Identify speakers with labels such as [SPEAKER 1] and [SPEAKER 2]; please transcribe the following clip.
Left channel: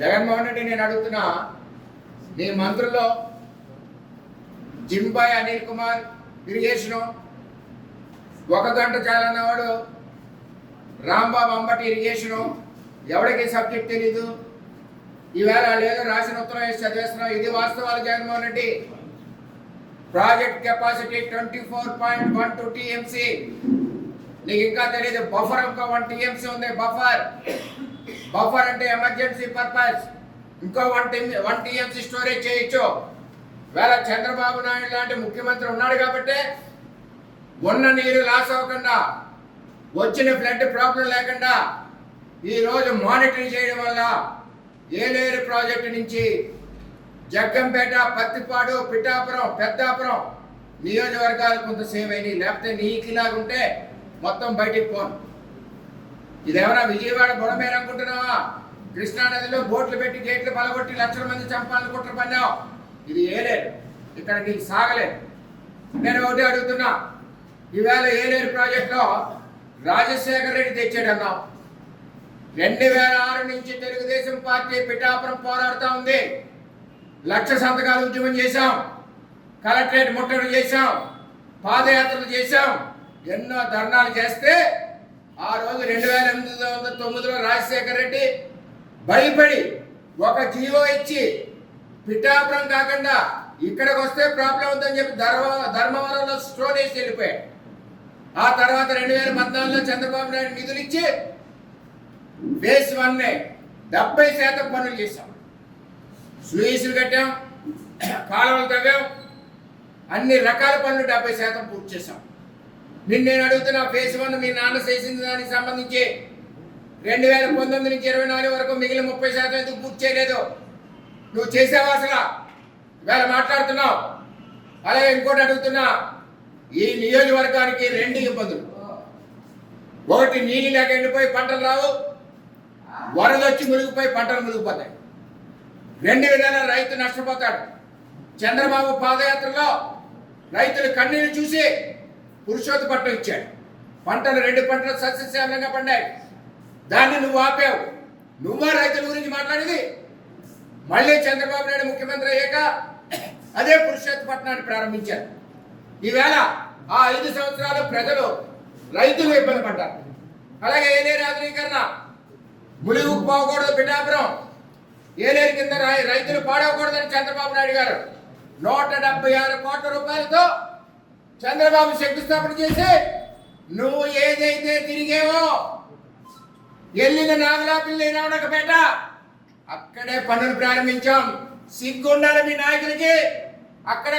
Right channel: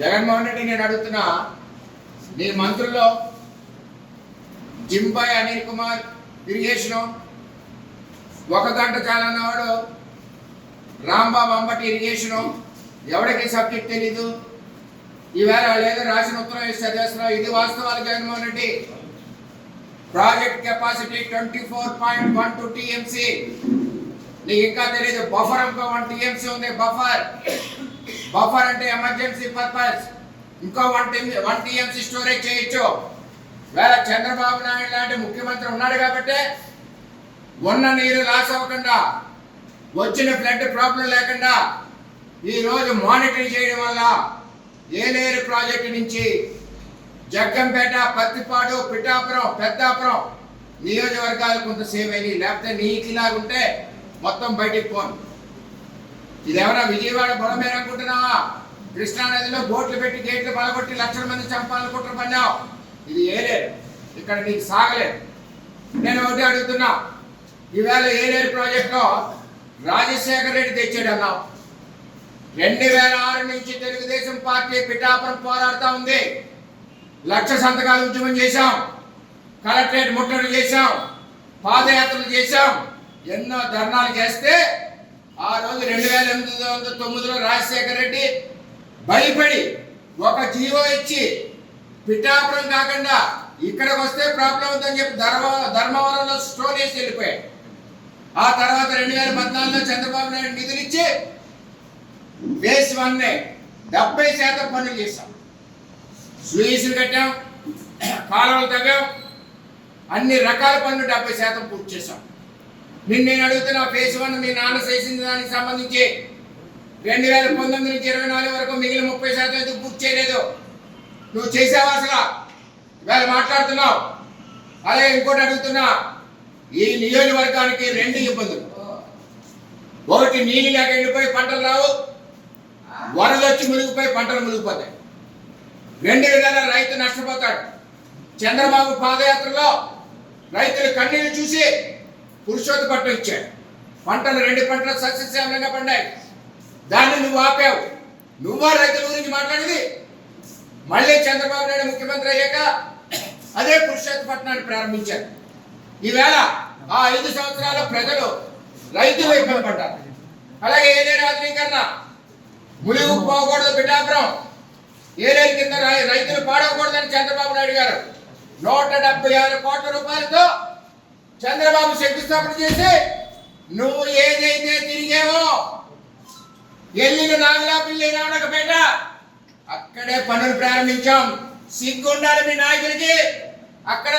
[SPEAKER 1] జగన్మోహన్ రెడ్డి నేను అడుగుతున్నా నీ మంత్రుల్లో జింబాయ్ అనిల్ కుమార్ ఇరిగేషను ఒక గంట చాలన్నవాడు రాంబాబు అంబటి ఇరిగేషను ఎవరికి సబ్జెక్ట్ తెలీదు? ఈవేళ లేదు రాసిన ఉత్తరం వేసి చదివేస్తున్నాం ఇది వాస్తవాలు Jaganmohan Reddy. Project capacity twenty four point one two TMC. నీకు ఇంకా తెలియదు బఫర్ ఇంకా వన్ టీఎంసీ ఉంది బఫర్. బఫర్ అంటే ఎమర్జెన్సీ పర్పస్ ఇంకో one T one TMC storage చేయొచ్చు. వేళ చంద్రబాబు నాయుడు లాంటి ముఖ్యమంత్రి ఉన్నాడు కాబట్టి ఉన్న నీరు లాస్ అవ్వకుండా వచ్చిన ఫ్లడ్ ప్రాబ్లం లేకుండా ఈరోజు మానిటరింగ్ చేయడం వల్ల ఏలేరు ప్రాజెక్టు నుంచి జగ్గంపేట పత్తిపాడు పిఠాపురం పెద్దాపురం నియోజకవర్గాలు కొంత సేవ్ అయినాయి. లేకపోతే నీటిలాగుంటే మొత్తం బయటికి పోను. ఇదేమన్నా విజయవాడ బొడమేర కృష్ణా నదిలో బోట్లు పెట్టి గేట్లు బలగొట్టి లక్షల మంది చంపాలని కుట్ర పన్నావు ఇది ఏలేరు ఇక్కడ నీకు సాగలేదు నేను ఒకటి అడుగుతున్నా. ఈవేళ ఏలేరు ప్రాజెక్టులో రాజశేఖర రెడ్డి తెచ్చాడు అన్నావు రెండు వేల ఆరు నుంచి తెలుగుదేశం పార్టీ పిఠాపురం పోరాడుతూ ఉంది. లక్ష సంతకాలు ఉద్యమం చేశాం. కలెక్టరేట్ ముట్టడి చేశాం. పాదయాత్రలు చేశాం. ఎన్నో ధర్నాలు చేస్తే ఆ రోజు రెండు వేల ఎనిమిది వందల తొమ్మిదిలో రాజశేఖర రెడ్డి భయపడి ఒక జీవో ఇచ్చి పిఠాపురం కాకుండా ఇక్కడికి వస్తే ప్రాబ్లం అవుతుందని చెప్పి ధర్మ ధర్మవరంలో స్టోన్ వేసి వెళ్ళిపోయాయి ఆ తర్వాత రెండు వేల పద్నాలుగులో చంద్రబాబు నాయుడు నిధులు ఇచ్చి బేస్ వన్నే డెబ్బై శాతం పనులు చేశాం. స్లూయిస్లు కట్టాం కాలువలు తవ్వాం అన్ని రకాల పనులు డెబ్బై శాతం పూర్తి చేశాం. నిన్న నేను అడుగుతున్నా ఫేజ్ వన్ మీ నాన్న చేసిన దానికి సంబంధించి రెండు వేల పంతొమ్మిది నుంచి ఇరవై నాలుగు వరకు మిగిలిన ముప్పై శాతం ఎందుకు పూర్తి చేయలేదు? నువ్వు చేసావా అసలు? ఇవాళ మాట్లాడుతున్నావు. అలాగే ఇంకోటి అడుగుతున్నా. ఈ నియోజకవర్గానికి రెండు ఇబ్బందులు. ఒకటి నీళ్ళు లేక ఎండిపోయి పంటలు రావు. వరద వచ్చి మునిగిపోయి పంటలు మునిగిపోతాయి. రెండు విధాల రైతు నష్టపోతాడు. చంద్రబాబు పాదయాత్రలో రైతులు కన్నీళ్ళు చూసి పురుషోత్తపట్నం ఇచ్చాడు. పంటలు రెండు పంటలు సస్యశ్యామలంగా పండాయి. దాన్ని నువ్వు ఆపావు. నువ్వా రైతుల గురించి మాట్లాడేది? మళ్ళీ చంద్రబాబు నాయుడు ముఖ్యమంత్రి అయ్యాక అదే పురుషోత్తపట్నాన్ని ప్రారంభించారు. ఈవేళ ఆ ఐదు సంవత్సరాల ప్రజలు రైతులు ఇబ్బంది పడ్డారు అలాగే ఏలేరు ఆధునీకరణ ములుగు పోకూడదు పిఠాపురం ఏలేరు కింద రై- రైతులు పాడవకూడదని చంద్రబాబు నాయుడు గారు నూట డెబ్బై ఆరు కోట్ల రూపాయలతో చంద్రబాబు శంకుస్థాపన చేసి నువ్వు ఏదైతే తిరిగేవో వెళ్ళిన నాగలాపిల్లి నానకపేట అక్కడే పనులు ప్రారంభించాం. సిగ్గుండాలి మీ నాయకులకి. అక్కడ